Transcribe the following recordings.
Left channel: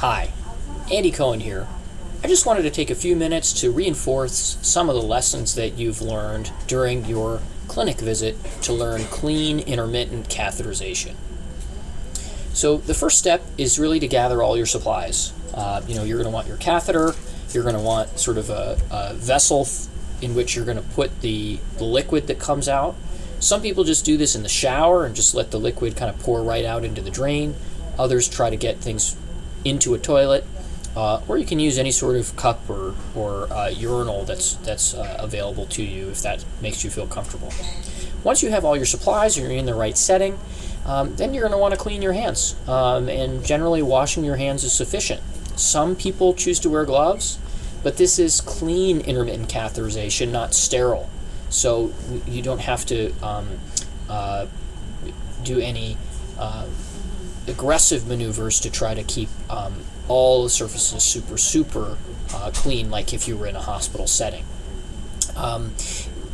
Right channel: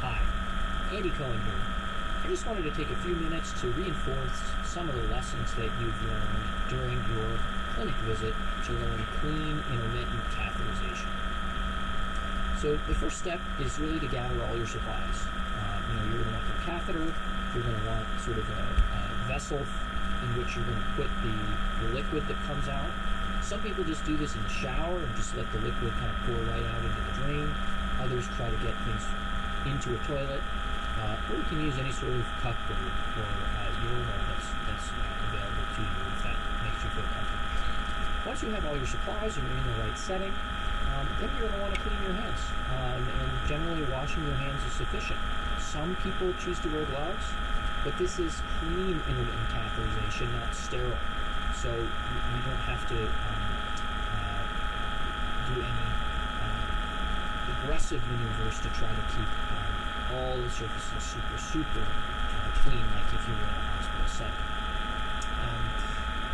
Hi, Andy Cohen here. I just wanted to take a few minutes to reinforce some of the lessons that you've learned during your clinic visit to learn clean intermittent catheterization. So the first step is really to gather all your supplies. You're going to want your catheter. You're going to want sort of a vessel in which you're going to put the liquid that comes out. Some people just do this in the shower and just let the liquid kind of pour right out into the drain. Others try to get things into a toilet, or you can use any sort of cup or urinal that's available to you if that makes you feel comfortable. Once you have all your supplies, you're in the right setting, then you're going to want to clean your hands, and generally washing your hands is sufficient. Some people choose to wear gloves, but this is clean intermittent catheterization, not sterile, so you don't have to do any aggressive maneuvers to try to keep all the surfaces super clean, like if you were in a hospital setting.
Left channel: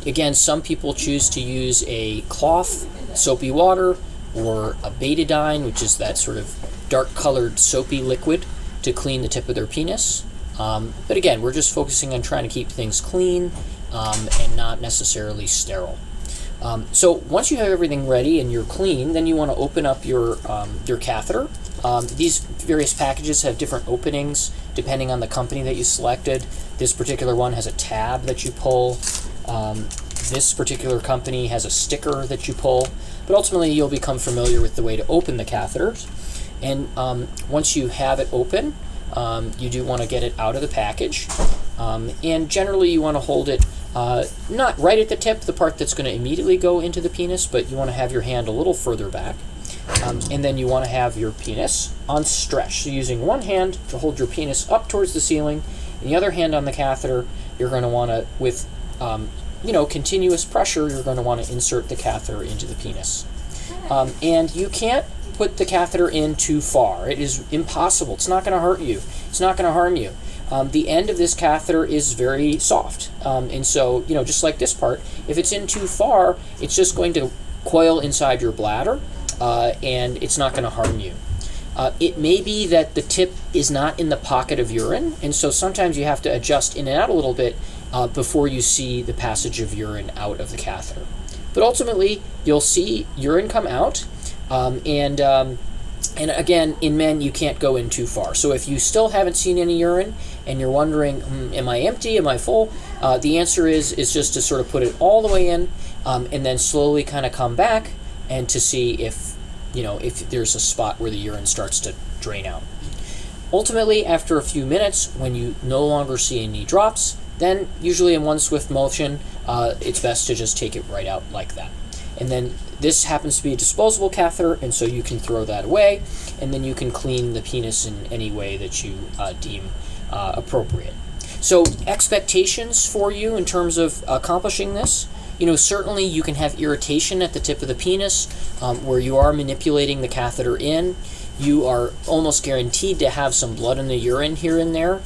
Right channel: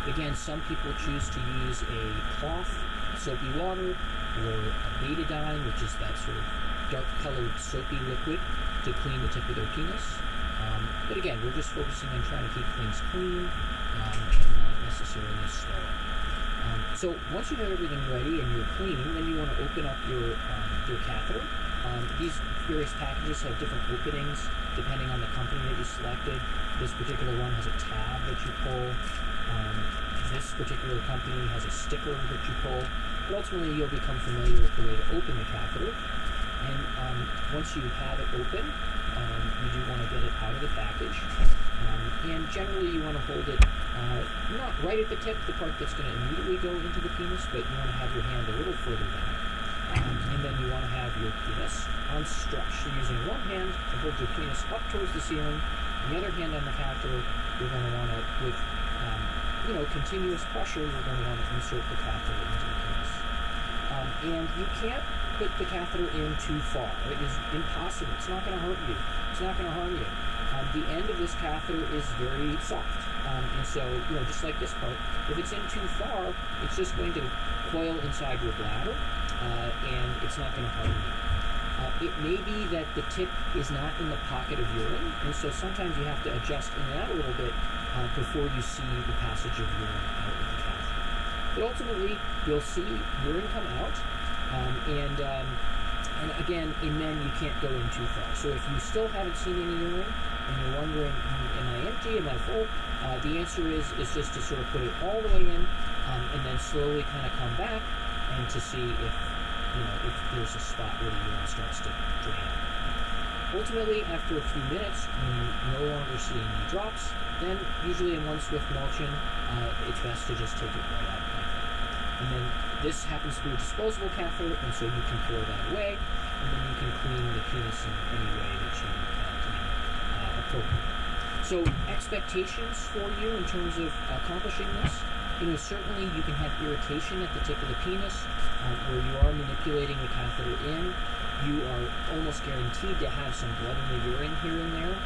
Again, some people choose to use a cloth, soapy water, or a betadine, which is that sort of dark colored soapy liquid, to clean the tip of their penis. But again, we're just focusing on trying to keep things clean and not necessarily sterile. So once you have everything ready and you're clean, then you want to open up your catheter. These various packages have different openings depending on the company that you selected. This particular one has a tab that you pull. This particular company has a sticker that you pull. But ultimately, you'll become familiar with the way to open the catheters. And once you have it open, you do want to get it out of the package. And generally, you want to hold it not right at the tip, the part that's going to immediately go into the penis, but you want to have your hand a little further back. And then you want to have your penis on stretch. So using one hand to hold your penis up towards the ceiling, and the other hand on the catheter, you're going to want to, with continuous pressure, you're going to want to insert the catheter into the penis. And you can't put the catheter in too far. It is impossible. It's not going to hurt you. It's not going to harm you. The end of this catheter is very soft. And so, just like this part, if it's in too far, it's just going to coil inside your bladder, and it's not going to harm you. It may be that the tip is not in the pocket of urine, and so sometimes you have to adjust in and out a little bit before you see the passage of urine out of the catheter. But ultimately, you'll see urine come out, and again, in men, you can't go in too far. So if you still haven't seen any urine and you're wondering, am I empty, am I full? The answer is just to sort of put it all the way in, and then slowly kind of come back and to see if there's a spot where the urine starts to drain out. Ultimately, after a few minutes, when you no longer see any drops, then usually in one swift motion, it's best to just take it right out like that. And then this happens to be a disposable catheter, and so you can throw that away, and then you can clean the penis in any way that you deem appropriate. So expectations for you in terms of accomplishing this, certainly you can have irritation at the tip of the penis where you are manipulating the catheter in. You are almost guaranteed to have some blood in the urine here and there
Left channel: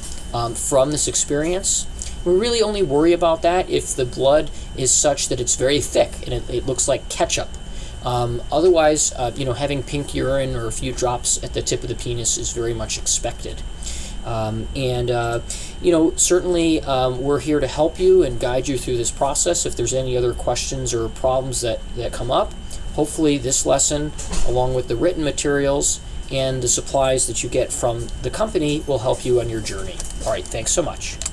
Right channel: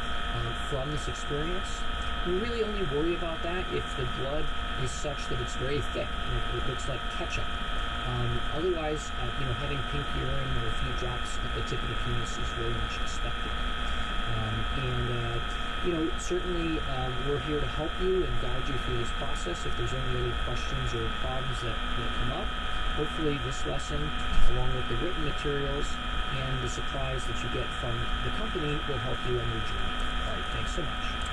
from this experience. We really only worry about that if the blood is such that it's very thick and it looks like ketchup. Otherwise, having pink urine or a few drops at the tip of the penis is very much expected. Certainly we're here to help you and guide you through this process. If there's any other questions or problems that come up, hopefully this lesson, along with the written materials and the supplies that you get from the company, will help you on your journey. All right, thanks so much.